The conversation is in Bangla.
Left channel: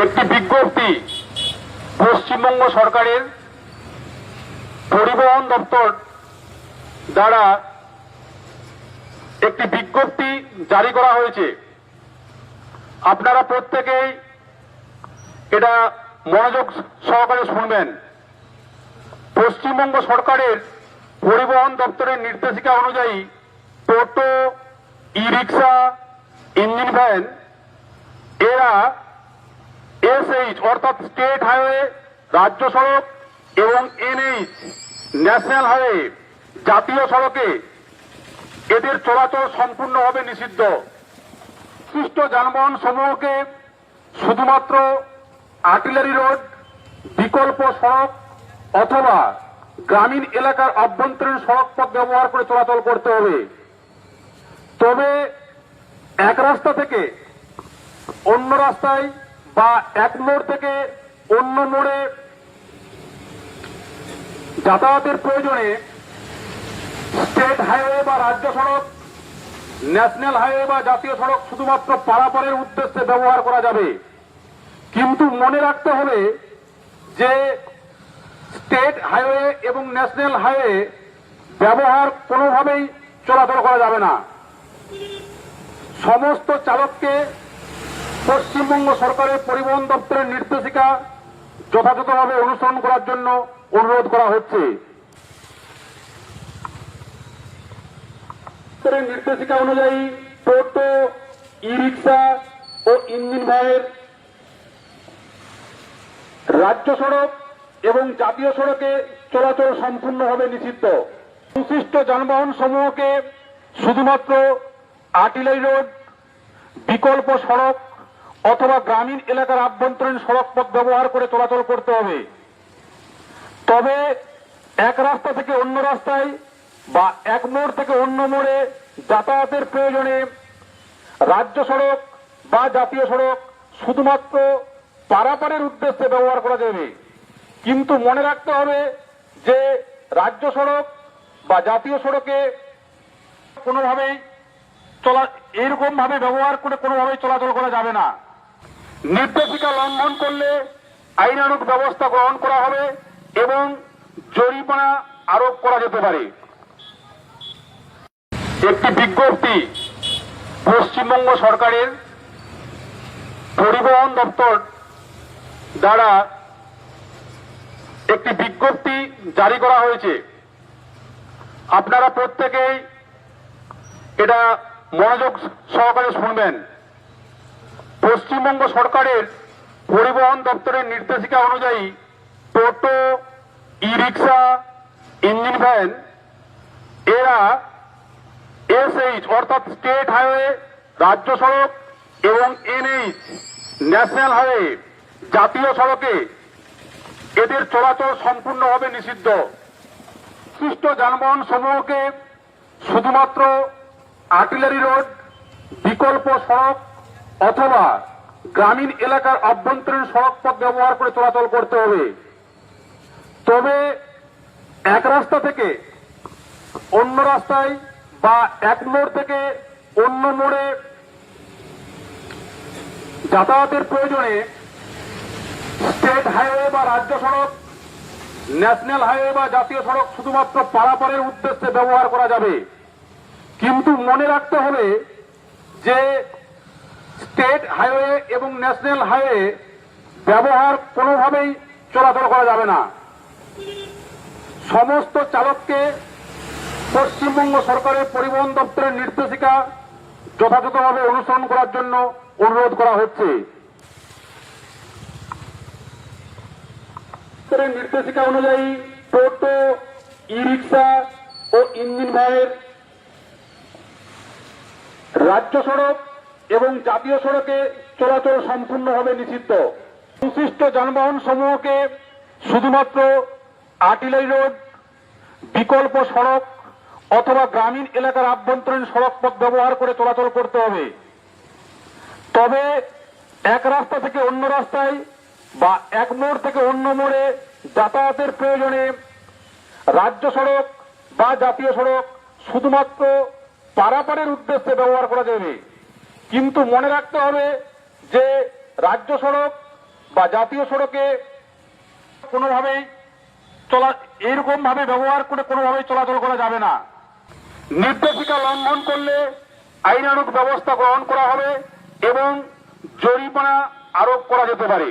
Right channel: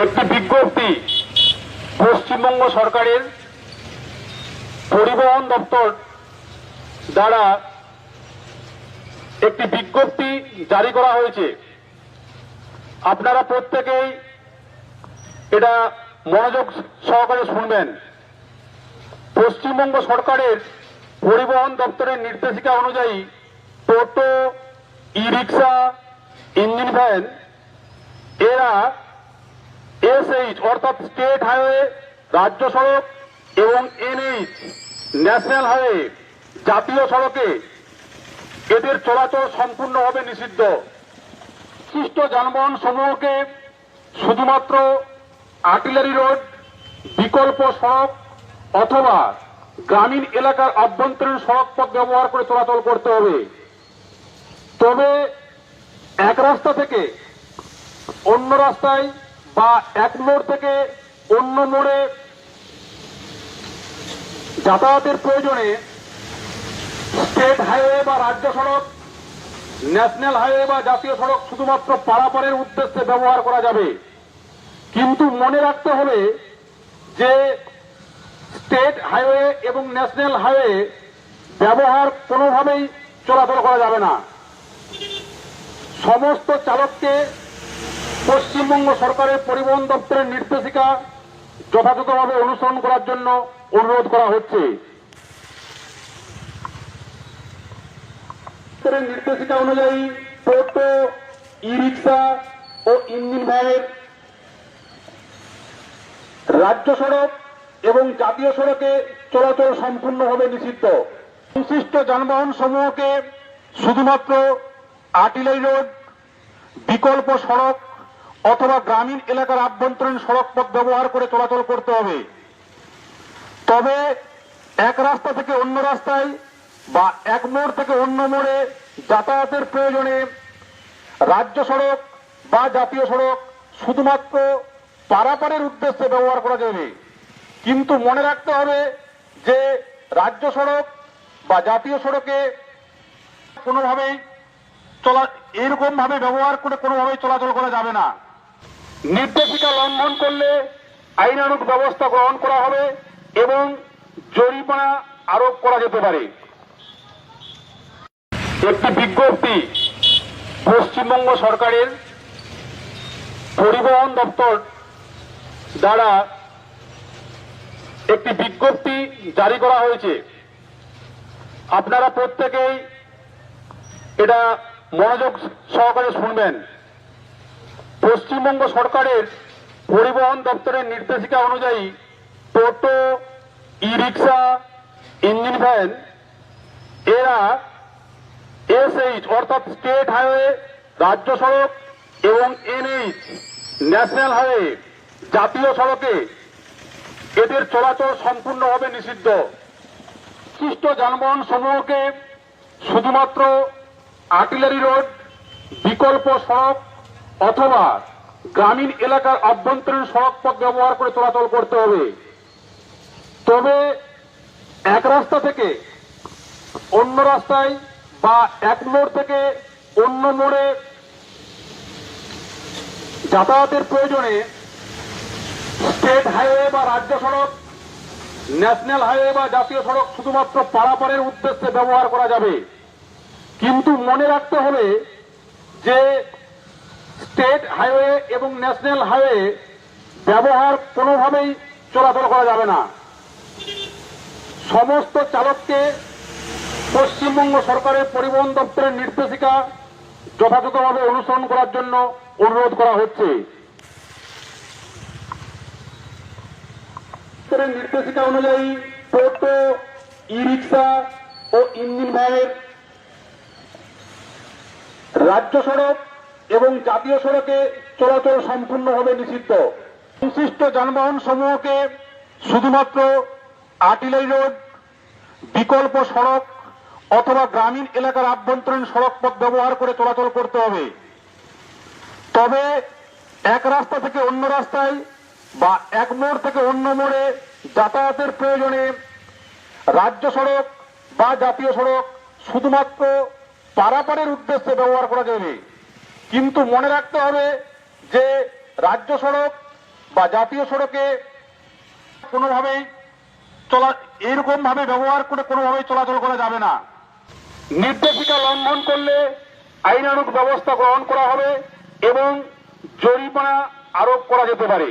একটি বিজ্ঞপ্তি পশ্চিমবঙ্গ সরকারের পরিবহন দপ্তর দ্বারা একটি বিজ্ঞপ্তি জারি করা হয়েছে। আপনারা প্রত্যেকেই এটা মনোযোগ সহকারে শুনবেন। পশ্চিমবঙ্গ সরকারের পরিবহন দপ্তরের নির্দেশিকা অনুযায়ী টোটো, ই রিক্সা, ইঞ্জিন ভ্যান এরা এসএইচ অর্থাৎ স্টেট হাইওয়ে, রাজ্য সড়ক এবং এনএইচ ন্যাশনাল হাইওয়ে, জাতীয় সড়কে এদের চলাচল সম্পূর্ণভাবে নিষিদ্ধ। বিশিষ্ট যানবাহন সমূহকে শুধুমাত্র আর্টিলারি রোড, বিকল্প সড়ক অথবা গ্রামীণ এলাকার আভ্যন্তরীণ সড়ক পথ ব্যবহার করে চলাচল করতে হবে। তবে এক রাস্তা থেকে অন্য রাস্তায় বা এক মোড় থেকে অন্য মোড়ে যাতায়াতের প্রয়োজনে স্টেট হাইওয়ে বা রাজ্য সড়ক, ন্যাশনাল হাইওয়ে বা জাতীয় সড়ক শুধুমাত্র পারাপারের উদ্দেশ্যে ব্যবহার করা যাবে। কিন্তু মনে রাখতে হবে যে স্টেট হাইওয়ে এবং ন্যাশনাল হাইওয়ে ব্যবহার কোনোভাবেই চলাচল করা যাবে না। সমস্ত চালককে পশ্চিমবঙ্গ সরকারের পরিবহন দপ্তরের নির্দেশিকা যথাযথভাবে অনুসরণ করার জন্য অনুরোধ করা হচ্ছে। নির্দেশিকা অনুযায়ী টোটো, ই রিক্সা ও ইঞ্জিন ভ্যানের রাজ্য সড়ক এবং জাতীয় সড়কে চলাচল সম্পূর্ণভাবে নিষিদ্ধ। সংশ্লিষ্ট যানবাহন সমূহকে শুধুমাত্র আর্টিলারি রোড, বিকল্প সড়ক অথবা গ্রামীণ এলাকার আভ্যন্তরীণ সড়ক পথ ব্যবহার করে চলাচল করতে হবে। তবে এক রাস্তা থেকে অন্য রাস্তায় বা এক মোড় থেকে অন্য মোড়ে যাতায়াতের প্রয়োজনে রাজ্য সড়ক বা জাতীয় সড়ক শুধুমাত্র পারাপারের উদ্দেশ্যে ব্যবহার করা যাবে। কিন্তু মনে রাখতে হবে যে রাজ্য সড়ক বা জাতীয় সড়কে কোনোভাবেই এরকম ভাবে ব্যবহার করে কোনোভাবেই চলাচল করা যাবে না। নির্দেশিকা লঙ্ঘন করলে আইনানুগ ব্যবস্থা গ্রহণ করা হবে এবং জরিমানা আরোপ করা যেতে পারে। একটি বিজ্ঞপ্তি পশ্চিমবঙ্গ সরকারের পরিবহন দপ্তর দ্বারা একটি বিজ্ঞপ্তি জারি করা হয়েছে। আপনারা প্রত্যেকেই এটা মনোযোগ সহকারে শুনবেন। পশ্চিমবঙ্গ সরকারের পরিবহন দপ্তরের নির্দেশিকা অনুযায়ী টোটো, ই রিক্সা, ইঞ্জিন ভ্যান এরা এসএইচ অর্থাৎ স্টেট হাইওয়ে, রাজ্য সড়ক এবং এনএইচ ন্যাশনাল হাইওয়ে, জাতীয় সড়কে এদের চলাচল সম্পূর্ণভাবে নিষিদ্ধ। বিশিষ্ট যানবাহন সমূহকে শুধুমাত্র আর্টিলারি রোড, বিকল্প সড়ক অথবা গ্রামীণ এলাকার আভ্যন্তরীণ সড়ক পথ ব্যবহার করে চলাচল করতে হবে। তবে এক রাস্তা থেকে অন্য রাস্তায় বা এক মোড় থেকে অন্য মোড়ে যাতায়াতের প্রয়োজনে স্টেট হাইওয়ে বা রাজ্য সড়ক, ন্যাশনাল হাইওয়ে বা জাতীয় সড়ক শুধুমাত্র পারাপারের উদ্দেশ্যে ব্যবহার করা যাবে। কিন্তু মনে রাখতে হবে যে স্টেট হাইওয়ে এবং ন্যাশনাল হাইওয়ে ব্যবহার কোনোভাবেই চলাচল করা যাবে না। সমস্ত চালককে পশ্চিমবঙ্গ সরকারের পরিবহন দপ্তরের নির্দেশিকা যথাযথভাবে অনুসরণ করার জন্য অনুরোধ করা হচ্ছে। নির্দেশিকা অনুযায়ী টোটো, ই রিক্সা ও ইঞ্জিন ভ্যানের রাজ্য সড়ক এবং জাতীয় সড়কে চলাচল সম্পূর্ণভাবে নিষিদ্ধ। সংশ্লিষ্ট যানবাহন সমূহকে শুধুমাত্র আর্টিলারি রোড, বিকল্প সড়ক অথবা গ্রামীণ এলাকার আভ্যন্তরীণ সড়ক পথ ব্যবহার করে চলাচল করতে হবে। তবে এক রাস্তা থেকে অন্য রাস্তায় বা এক মোড় থেকে অন্য মোড়ে যাতায়াতের প্রয়োজনে রাজ্য সড়ক বা জাতীয় সড়ক শুধুমাত্র পারাপারের উদ্দেশ্যে ব্যবহার করা যাবে। কিন্তু মনে রাখতে হবে যে রাজ্য সড়ক বা জাতীয় সড়কে কোনোভাবেই এরকম ভাবে ব্যবহার করে কোনোভাবেই চলাচল করা যাবে না। নির্দেশিকা লঙ্ঘন করলে আইনানুগ ব্যবস্থা গ্রহণ করা হবে এবং জরিমানা আরোপ করা যেতে পারে।